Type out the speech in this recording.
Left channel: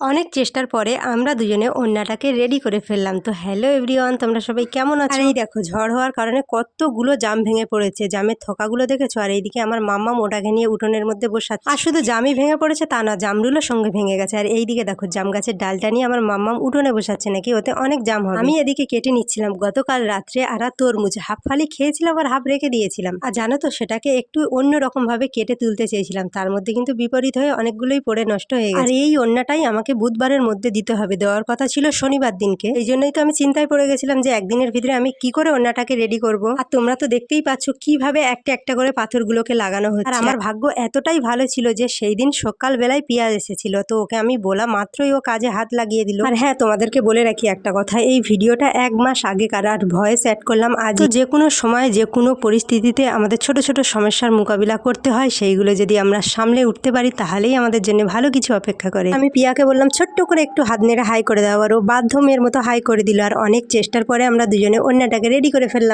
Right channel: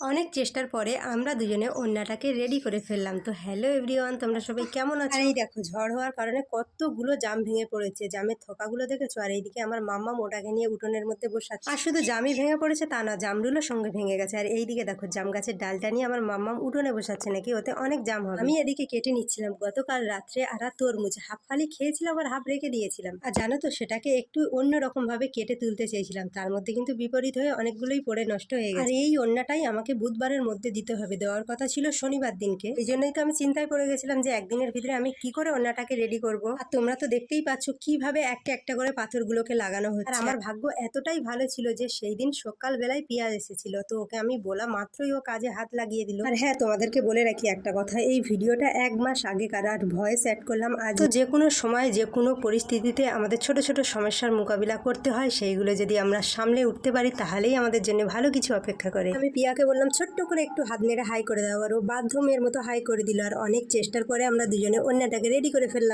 অনেক চেষ্টার পরে আমরা দুজনে ওড়নাটাকে রেডি করে ফেললাম। তো হ্যালো এভরিওয়ান, তোমরা সবাই কেমন আছো? আর এই দেখো, ঝড় হওয়ার কারণে কতগুলো জাম ভেঙে পড়েছে। জামের থোকাগুলো দেখেছো? আর এইদিকে আমার মাম্মাম ওটাকে নিয়ে উঠোনের মধ্যে বসাচ্ছে। আর শুধু জামই ভেঙে পড়েছে তা না, জামরুলের সঙ্গে ভেঙে গেছে। আর এইদিকে দেখো, জাম গাছের ডালটা নিয়ে আমার মাম্মাম উঠোনে বসাচ্ছে, নাকি ওতে অনেক জাম হবে। আমি এদিকে কেটে নিচ্ছিলাম গতকাল রাত্রে আর তরমুজ হাফ ফালি খেয়েছিলাম আর হাফ রেখে দিয়েছিলাম। আর জানো তো, সেটাকে একটু অন্যরকম ভাবে কেটে তুলতে চেয়েছিলাম, তার মধ্যে কিন্তু বিপরীত হয়ে অনেকগুলোই পড়ে নষ্ট হয়ে গেছে। আর এই ওড়নাটাই আমাকে বুধবারের মধ্যে দিতে হবে, দেওয়ার কথা ছিল শনিবার দিনকে। এই জন্যই তো আমি চিন্তায় পড়ে গেছিলাম যে একদিনের ভিতরে আমি কি করে ওড়নাটাকে রেডি করব। আর তোমরা তো দেখতেই পাচ্ছ কিভাবে একটা একটা করে পাথরগুলোকে লাগানো হচ্ছে। আর আমার ভাগ্য এতটাই ভালো ছিল যে সেই দিন সকাল বেলায় পিয়াজ এসেছিল, তো ওকে আমি বলা মাত্রই ও কাজে হাত লাগিয়ে দিল। আর হ্যাঁ, তোমাদেরকে বলে রাখি একটা কথা, এই ভিডিওটা 1 মাস আগেকার, আর ভয়েস অ্যাড করলাম আজ। তো যে কোনো সময় যে কোনো পরিস্থিতিতে আমাদের ছোট ছোট সমস্যার মোকাবিলা করতে হয়, সেইগুলো যদি আমরা সামলে উঠতে পারি তাহলেই আমাদের জন্য ভালো কিছু অপেক্ষা করে। আমি পিয়াকে বললাম ছোট্ট করে একটু হাত নেড়ে হাই করে দাও, আর ও বাধ্য মেয়ের মতো হাই করে দিল। আর অনেক চেষ্টার পরে আমরা দুজনে ওড়নাটাকে রেডি করে ফেললাম।